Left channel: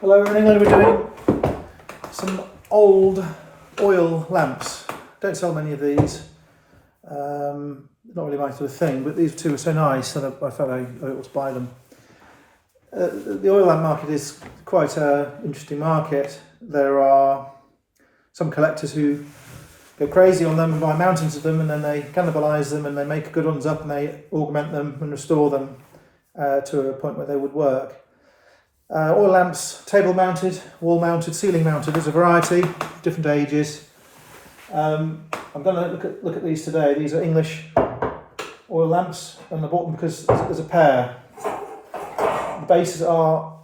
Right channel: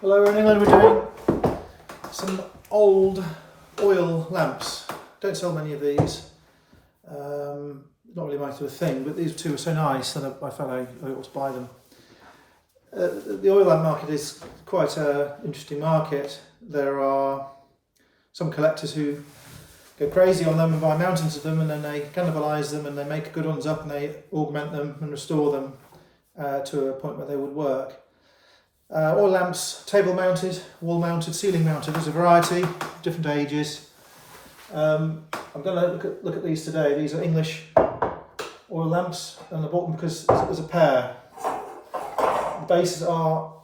Hello, in England we're doing some old oil lamps. Don't sell many of these. Not really my sort of thing, but these two are so nice that I felt I ought to buy them. The oil lamp market is quite an interesting market. There are some collectors who go crazy on them and buy mountains of them, and then they cannibalise them and they make good ones up and they augment them and restore them to a point where they would work. Oil lamps, table mounted, wall mounted, ceiling mounted. There's a variety, different ages. I'm going to look at these today. These are English oil lamps, and I bought them because there's a pair. The bases are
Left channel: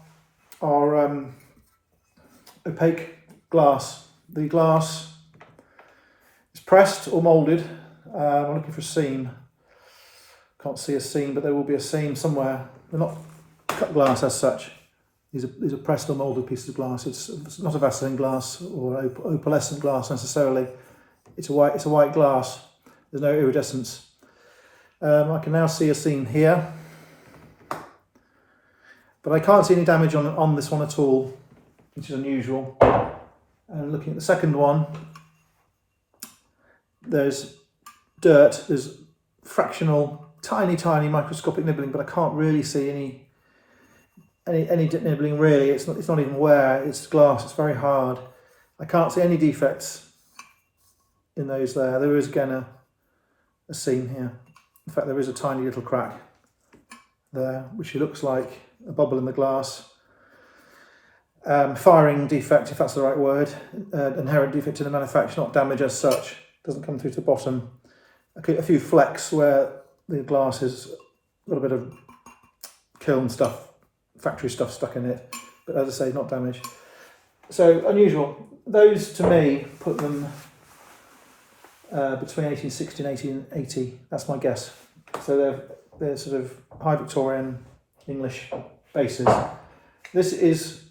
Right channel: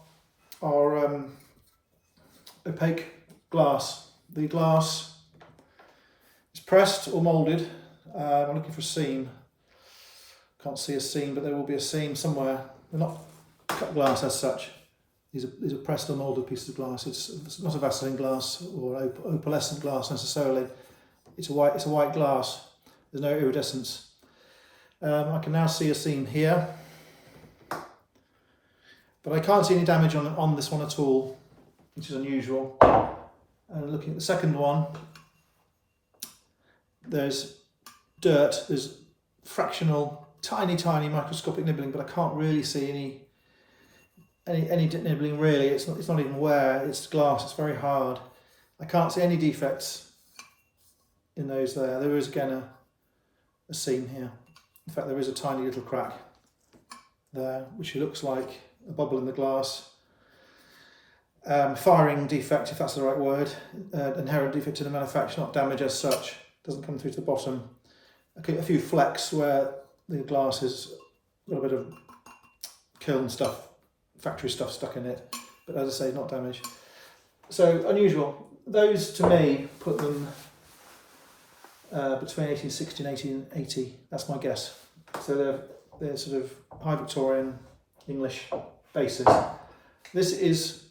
opaque glass. The glass is pressed or moulded. I'm looking for a seam. Can't see a seam, but there will be a seam somewhere. They're not cut glass as such. These are pressed or moulded pieces of glass. It's not a Vaseline glass or opalescent glass necessarily. It's a white glass. There's no iridescence. I can now see a seam here, but I can't see any damage on this one at all, which is unusual. And looking at the second one, there's dirt. There's fractional, tiny microscopic nibbling, but I can't really see any nibbling really. It's not even wear. It's glass. It's very hard. I can't see any defects in those there. There is again a seam here. In fact, there is a tiny little crack there, which looks like a bubble in the glass. Firing defect, if that's the right word. Inherent defect in the manufacture, not damage as such. Doesn't come through to the bottom. A few flecks where the glass has got a bit of kiln stuff, factory stuff stuck in it, but as I say, not damage. So unusual. Those to me put them between 1860 and 1880. That's my guess. So they're sort of high Victorian English bases. This is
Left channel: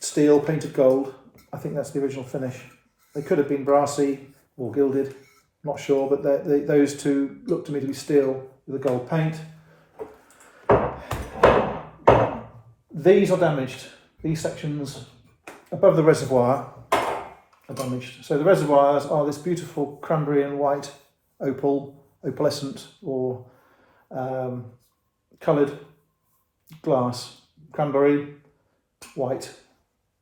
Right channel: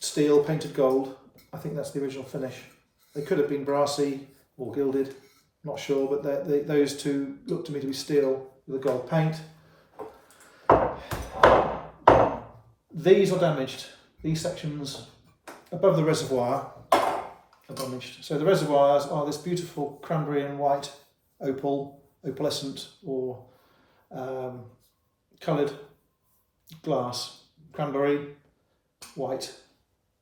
steel painted gold. I think that's the original finish. They could have been brassy or gilded, not sure, but those two look to me to be steel with a gold paint. These are damaged. These sections above the reservoir are damaged. So the reservoirs are this beautiful cranberry and white opalescent or coloured glass. Cranberry, white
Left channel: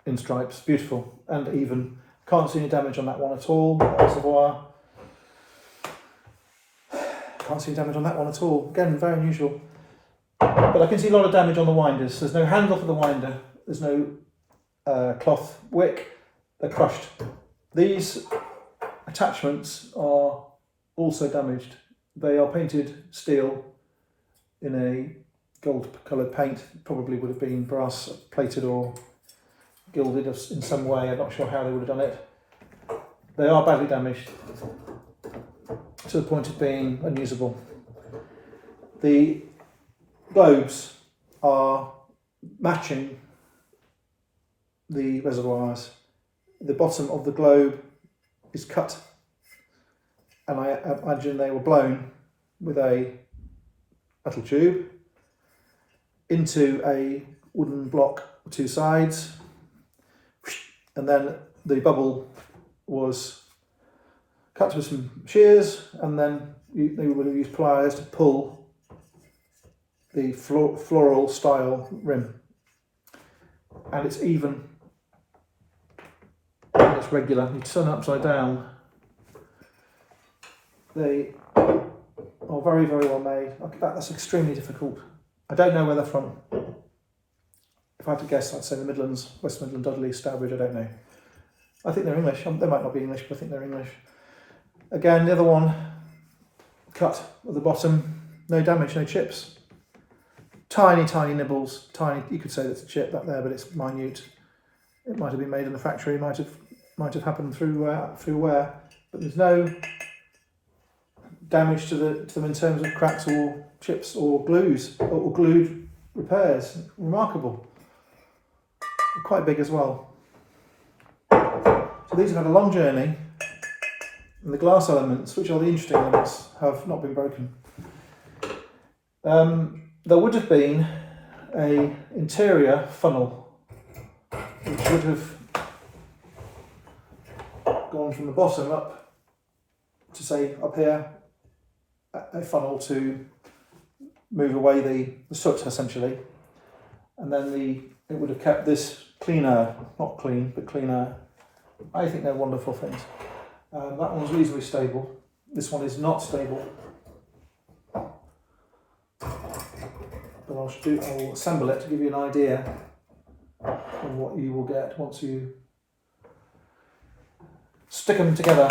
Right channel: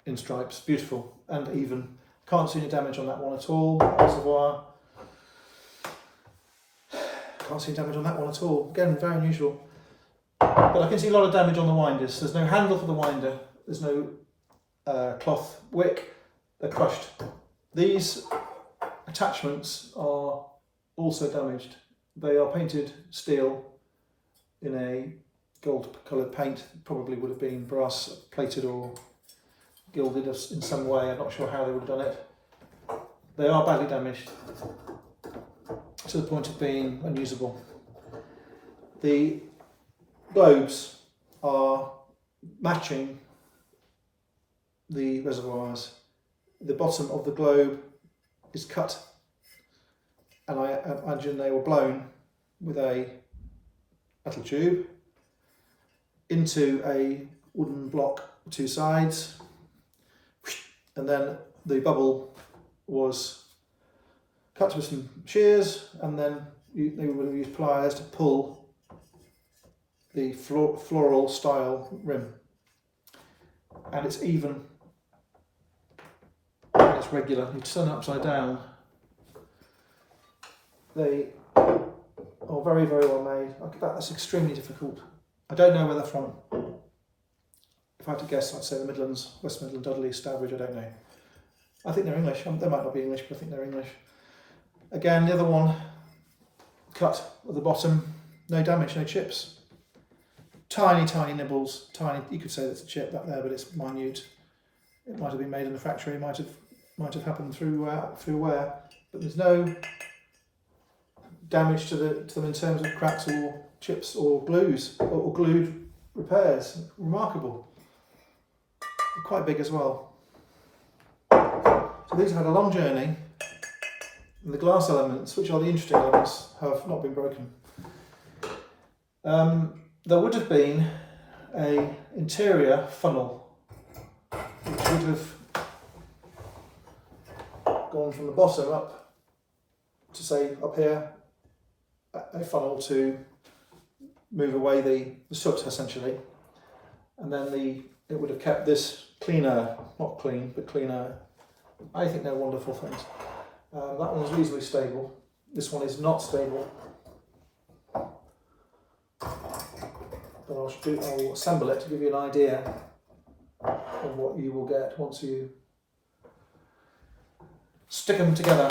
in stripes, beautiful and even. Can't see any damage on that one at all. Reservoir. Can't see any damage on that one at all. Again, very unusual. But I can see a lot of damage on the winders. There's no handle for the winder. There's no cloth wick. They're crushed. These attachments are also damaged. They are painted steel in a gold coloured paint. Probably would have been brass plated or gilded in some way. I'm not sure how they would have done it. They are badly damaged to the point of being unusable. The globes are matching the reservoirs. The bottom of the globe is cut, and I imagine they were blown with a metal tube into a wooden block with two sides, and then the bubble was cut with some shears, and then they would have used pliers to pull the floral style rim, and it's even and it's regular. You turn it upside down. They are very well made. That's extremely difficult. I don't know where they're from. If I had to guess, I'd say the Midlands, West Midland, Dudley, Stourbridge. I don't know. I think they're English. They might not be English, but I think they're English. Again, the other one cut at the bottom. No damage, no chips. Tiny nibbles, tiny. You could say that's a chip back there, but it's minute. It might have been made in the factory. It might have happened through wear, but there's no damage to them in terms of cracks or chips or glues or glued repairs. Remarkable. They're quite big as well. So these have had a long journey, and the glass elements, which are the interesting elements, have not been broken. There would have been an interior funnel which would have gone from the bottom up to, say, up here, a funnel to move away the soot essentially, and then it would have kept this cleaner, not clean, but cleaner. I think they're wonderful things. That one was reasonably stable. This one is not stable. But I'll assemble it to give you an idea of what you will get once you stick them together.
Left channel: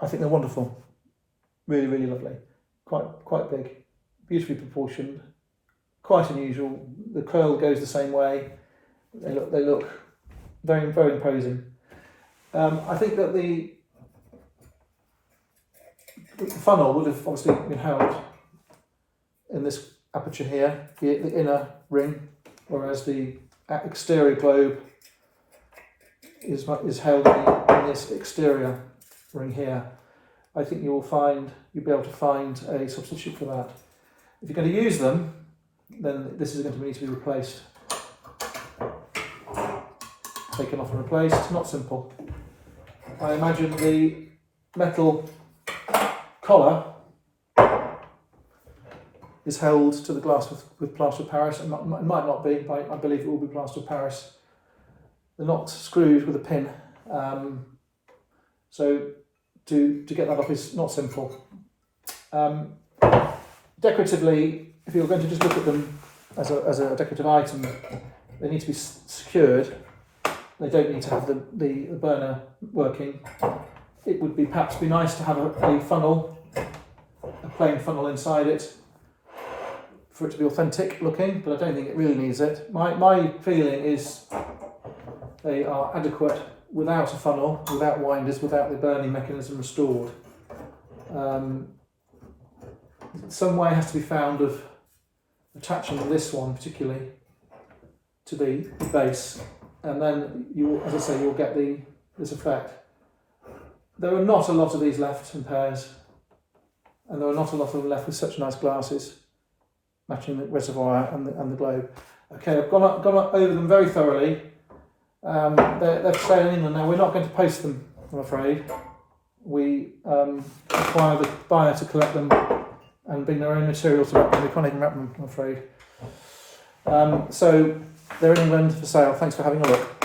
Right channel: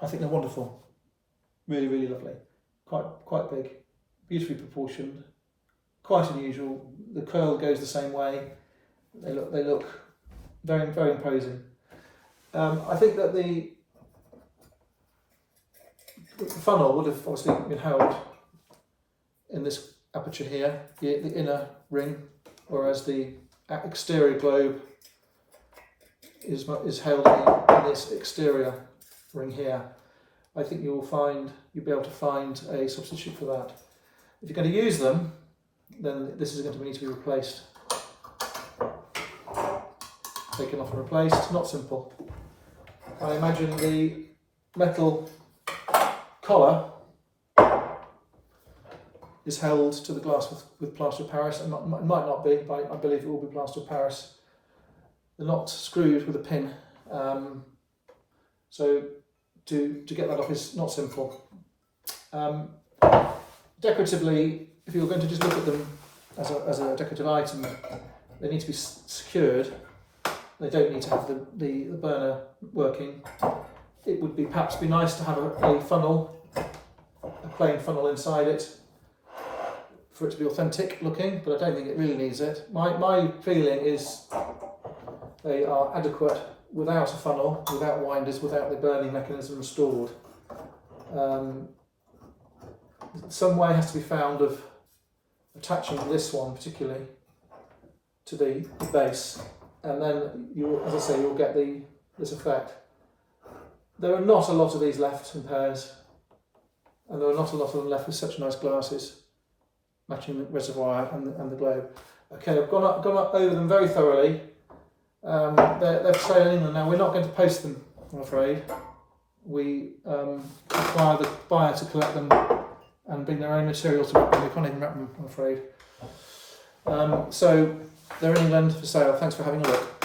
I think they're wonderful. Really, really lovely. Quite big, beautifully proportioned, quite unusual. The curl goes the same way. They look very, very imposing. I think that the funnel would have obviously been held in this aperture here, the inner ring, whereas the exterior globe is held in this exterior ring here. I think you'll be able to find a substitute for that. If you're going to use them, then this is going to need to be replaced. Taken off and replaced. It's not simple. I imagine the metal collar is held to the glass with plaster of Paris. It might not be, but I believe it will be plaster of Paris. They're not screwed with a pin, so to get that off is not simple. Decoratively, if you're going to just look at them as a decorative item, they need to be secured. They don't need to have the burner working. It would perhaps be nice to have a funnel, a plain funnel inside it, for it to be authentic looking, but I don't think it really needs it. My feeling is they are adequate without a funnel, without winders, without the burning mechanism restored. Some way has to be found of attaching this one particularly to the base, and then as I say, you'll get this effect. There are not a lot of these left in pairs, and there are not a lot of them left with such nice glasses matching the reservoir and the globe. Okay, I've gone over them very thoroughly. They're for sale in England now. We're not going to post them, I'm afraid. We require the buyer to collect them and bring their own material to wrap them. We can't even wrap them, I'm afraid. So they're in England for sale. Thanks for having a look.